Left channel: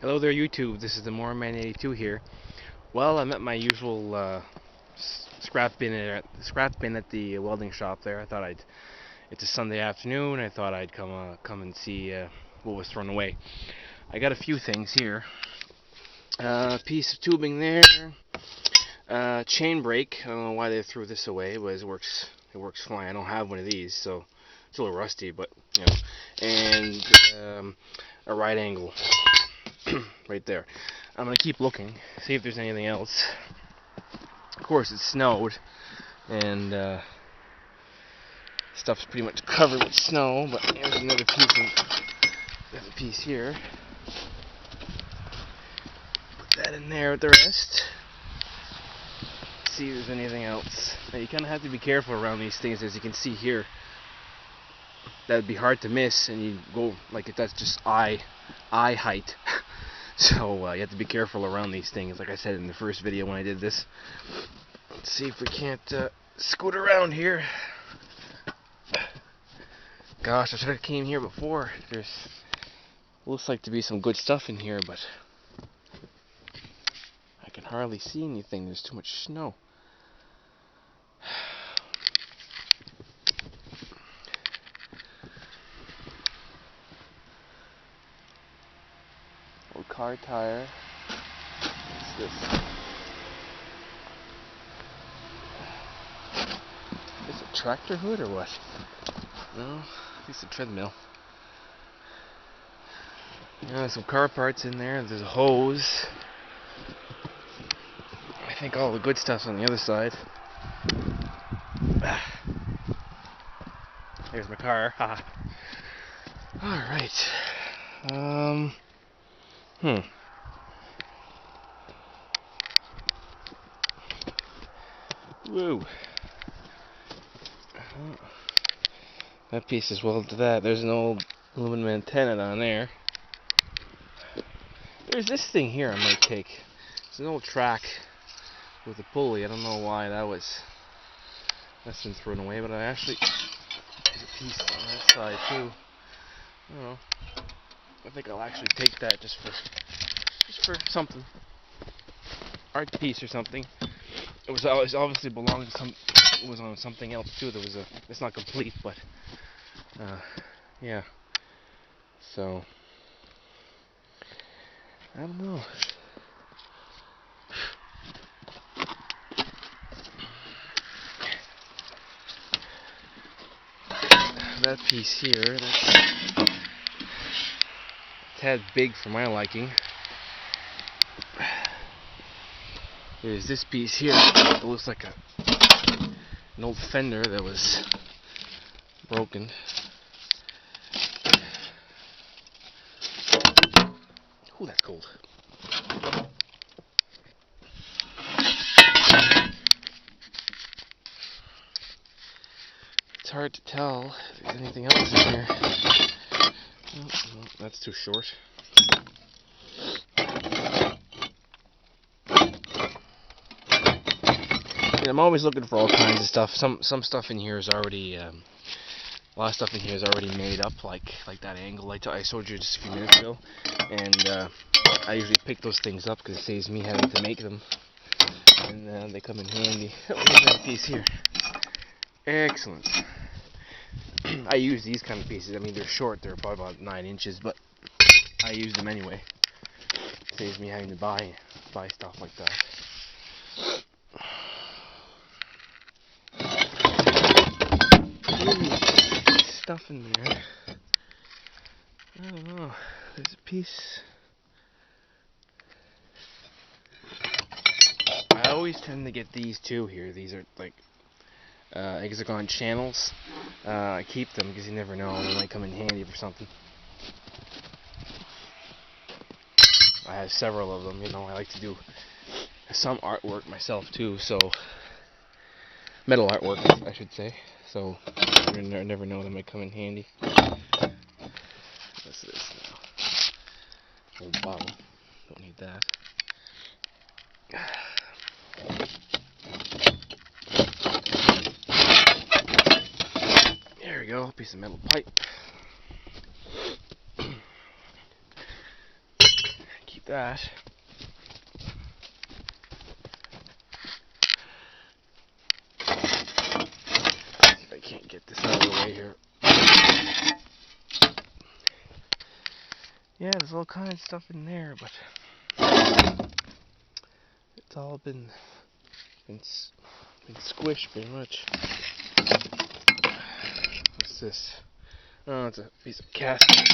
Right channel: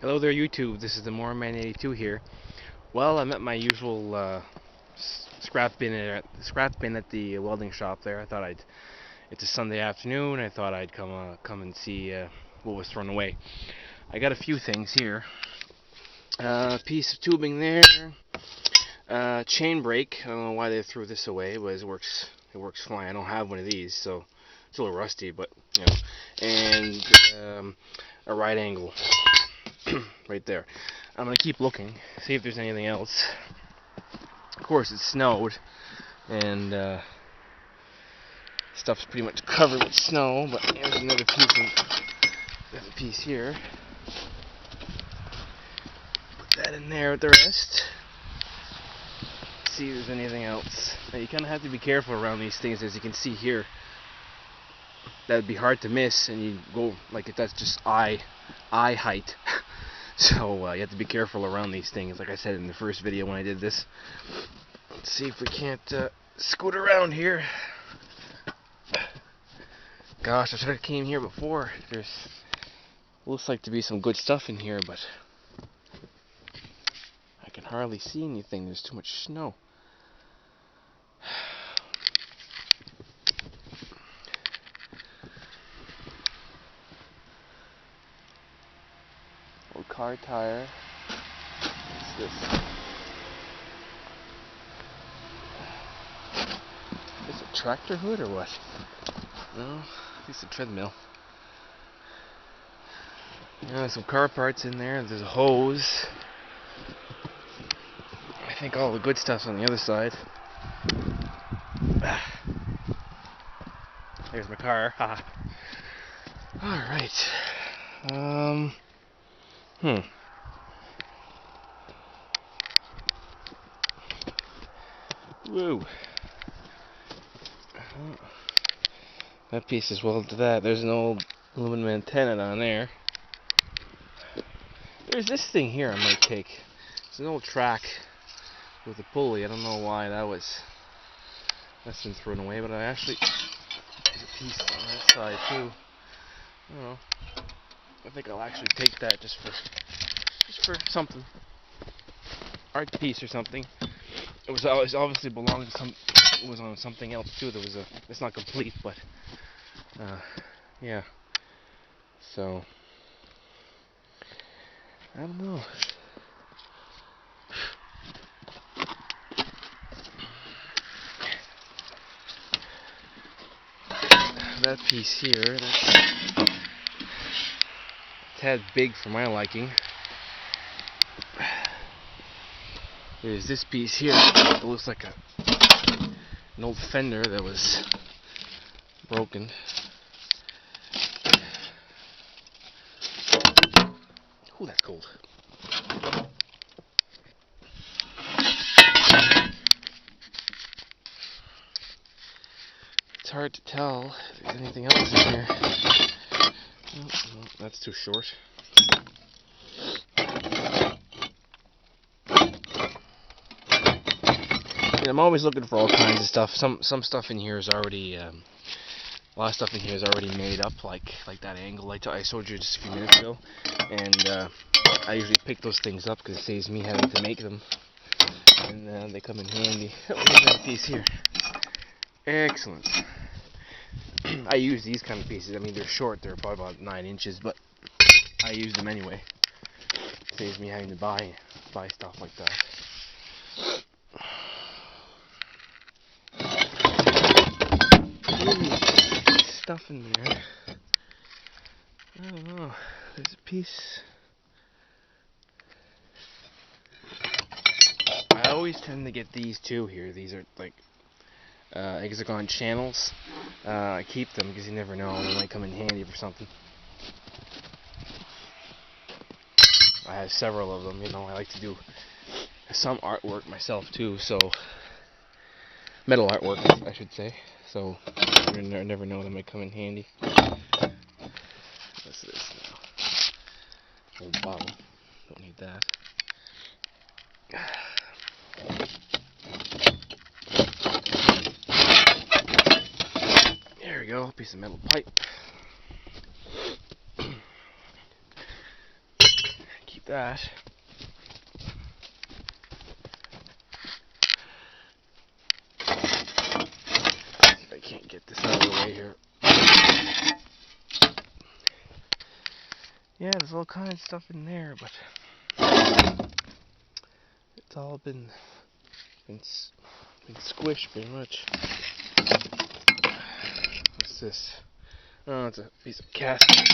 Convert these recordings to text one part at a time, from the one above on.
Hello there, YouTube. This is the Moreman82 here. Well, I'm at my usual scrap bin at the welding shop there. It's a Sunday afternoon. I thought I'd come and see what was thrown away. I got a few things here. A piece of tubing there. Chain brake. I don't know why they threw this away, but it works fine. I don't have one of these, so it's a little rusty, but you know. And a right angle. Right there. I'm gonna keep looking, see if there's anything else. Of course, it snowed, and stuff's pretty much covered with snow. But there's another piece here. Put that in there with the rest. See if there's anything else. Now you kind of have to be careful around these things, as you can see here. That would be hard to miss, and you go like if that's just eye height. So you have to be careful around these things, like I said in the first video when I did this. Let's see if we can't scoot around here. Gosh, I should have came here before. There's looks like to be some good stuff in here, but I can hardly see anything. There's too much snow. Old car tire. What's this? Is it a tractor hood or what? No, it's a treadmill. There's some car parts in there. There's a hose. I think all the good stuff's on the other side. There's my car. Haha. Alright. Woo. That piece is welded to that. There's an old aluminum antenna down there. There's this thing here I might take. It's an old track with a pulley. I don't know why that's been thrown away, but there's a piece on that side too. I don't know. I think I'll actually take that just for something. Art piece or something. It was obviously belonged to some. It was on something else too. It's not complete, but yeah. So I don't know. That piece here, that's a tad big for my liking. There's this piece here. It looks like an old fender that was broken. Ooh, that's cold. It's hard to tell if there's anything else in here. No, that's too short. I'm always looking for all kinds of stuff. Some stuff in here is already a lot of stuff in here is already made up, like that angle I showed you just a few minutes ago. And I usually pick those things up because it saves me having to make them, and they come in handy. Oh, look at that piece here. Excellent. I use these kind of pieces. I mean, they're short. They're probably about 9 inches, but I use them anyway. It saves me having to buy stuff like that. Stuff in there. I don't know. There's a piece. I always tend to get these two here. These are like hexagon channels. I keep them because you never know, they might come in handy for something. I have several of them. You know, I like to do some artwork myself too. So metal artwork, I should say. So you never know, they might come in handy. What's this now? Old bottle. Don't need that. There we go. Piece of metal pipe. that. See if I can't get this out of the way here. Yeah, there's all kinds of stuff in there, but it's all been squished pretty much. What's this? Oh, it's a piece of casting.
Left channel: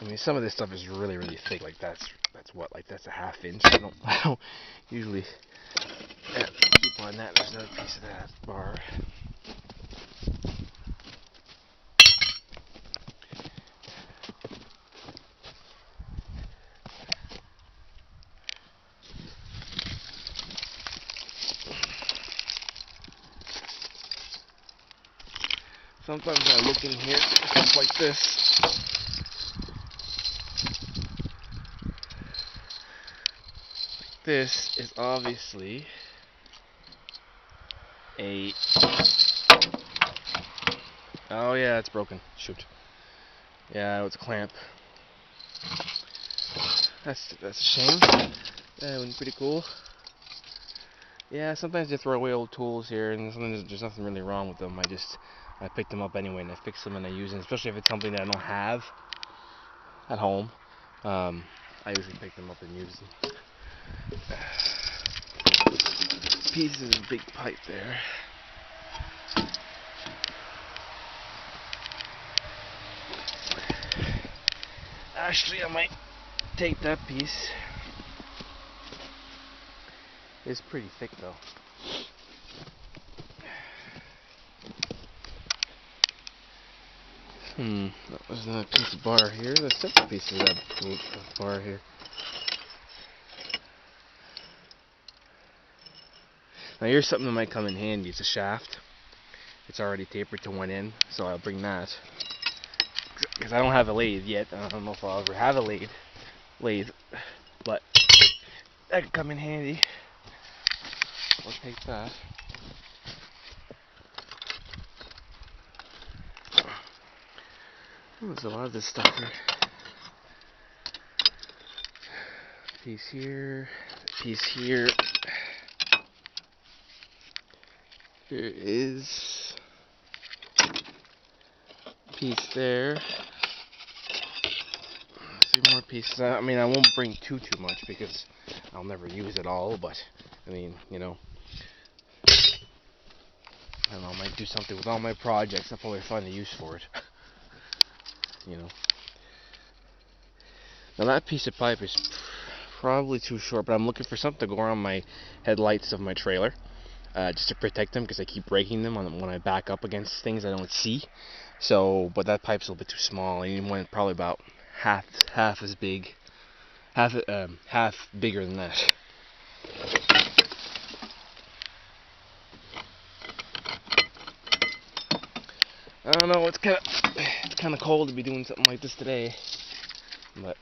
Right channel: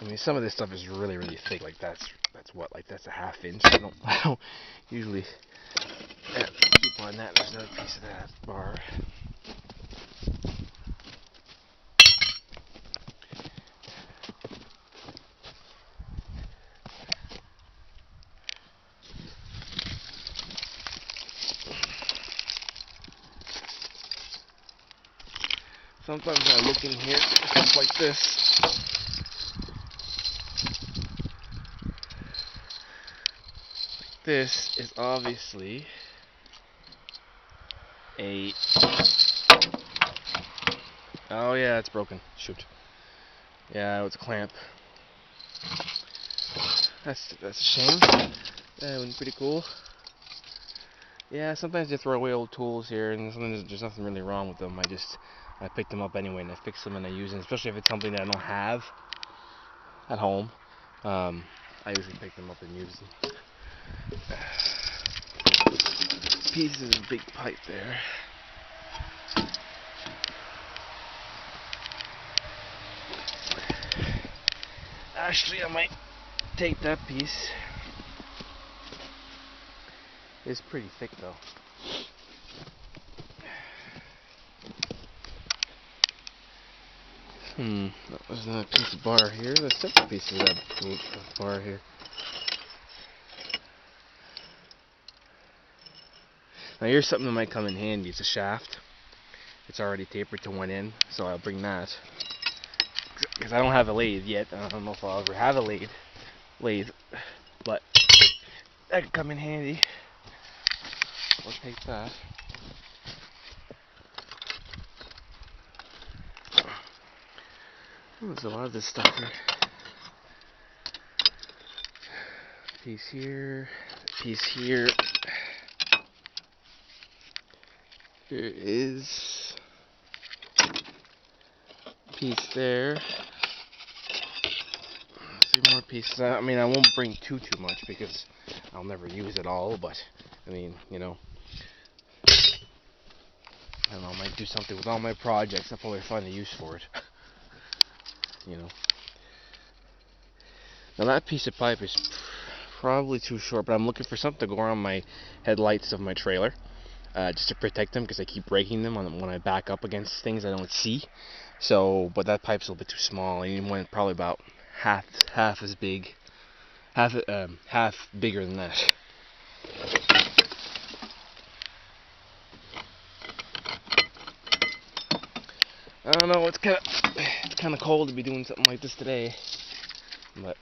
I mean, some of this stuff is really, really thick. Like that's what, like that's a ½ inch. I don't usually keep on that. There's another piece of that bar. Sometimes I look in here, stuff like this. This is obviously a... Oh yeah, it's broken. Shoot. Yeah, it's a clamp. That's a shame. That would be pretty cool. Yeah, sometimes you throw away old tools here, and sometimes there's nothing really wrong with them. I pick them up anyway, and I fix them and I use them, especially if it's something that I don't have at home. I usually pick them up and use them. Pieces of big pipe there. Actually, I might take that piece. It's pretty thick though. That was another piece of bar here. There's several pieces of bar here. Now here's something that might come in handy. It's a shaft. It's already tapered to one end, so I'll bring that. Because I don't have a lathe yet. I don't know if I'll ever have a lathe, but that could come in handy. I'll take that. There's a lot of this stuff here. Piece here, piece here. There is a piece there. 3 more pieces. I mean, I won't bring too much because I'll never use it all, but I mean, you know, I don't know, I might do something with all my projects. I'll probably find a use for it. You know. Now that piece of pipe is probably too short, but I'm looking for something to go around my headlights of my trailer, just to protect them, because I keep breaking them when I back up against things I don't see. So, but that pipe's a little bit too small. I need one probably about half as big, half bigger than that. I don't know. It's kind of cold to be doing something like this today, but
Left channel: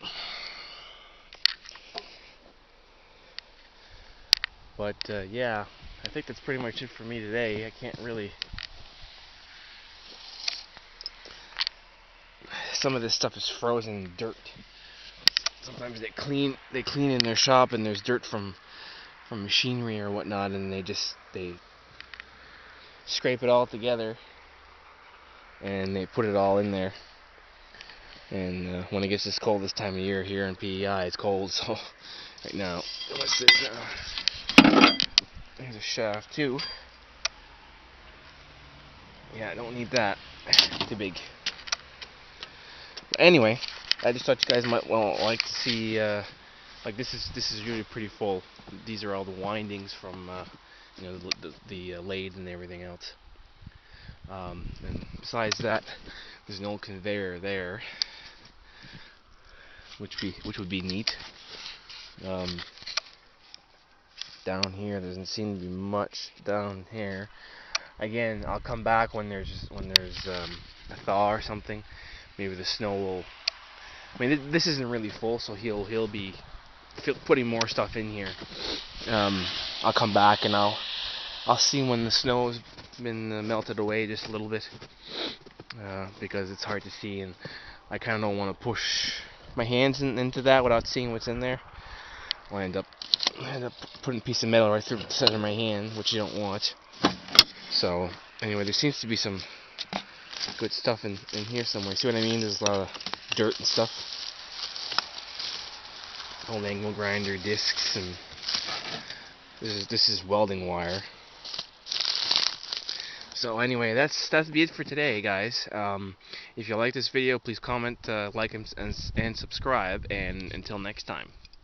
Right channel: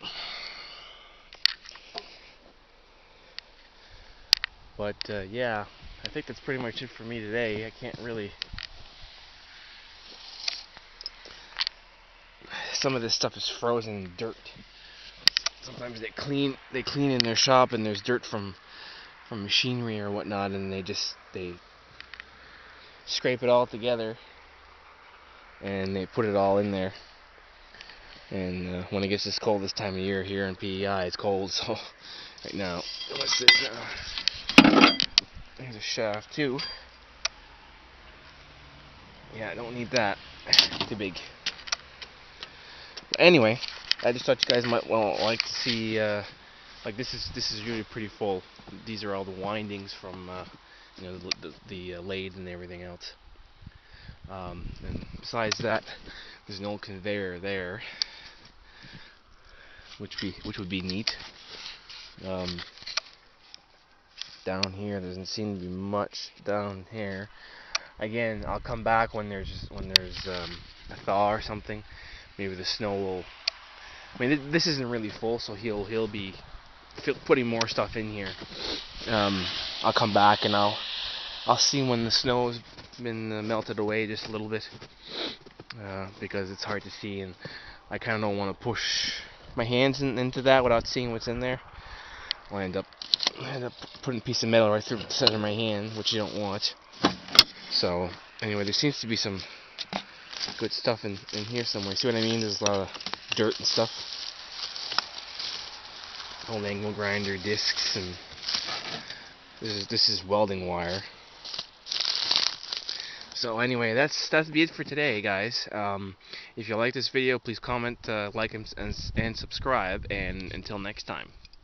yeah, I think that's pretty much it for me today. I can't really. Some of this stuff is frozen dirt. Sometimes they clean in their shop, and there's dirt from machinery or whatnot, and they scrape it all together and they put it all in there. And when it gets this cold this time of year here in PEI, it's cold. So right now, what's this now? There's a shaft too. Yeah, I don't need that. Too big. But anyway, I just thought you guys might like to see. Like this is really pretty full. These are all the windings from you know, the lathe and everything else. And besides that, there's an old conveyor there, which would be neat. Down here, there doesn't seem to be much down here. Again, I'll come back when there's a thaw or something. Maybe the snow will. I mean, this isn't really full, so he'll be putting more stuff in here. I'll come back and I'll I'll see when the snow's been melted away just a little bit, because it's hard to see, and I kind of don't want to push my hands into that without seeing what's in there. I'll end up putting a piece of metal right through the center of my hand, which you don't want. So anyway, there seems to be some good stuff in here somewhere. See what I mean? There's a lot of dirt and stuff. Old angle grinder discs, and this is welding wire. So anyway, that's be it for today, guys. If you like this video, please comment, like, and subscribe. And until next time.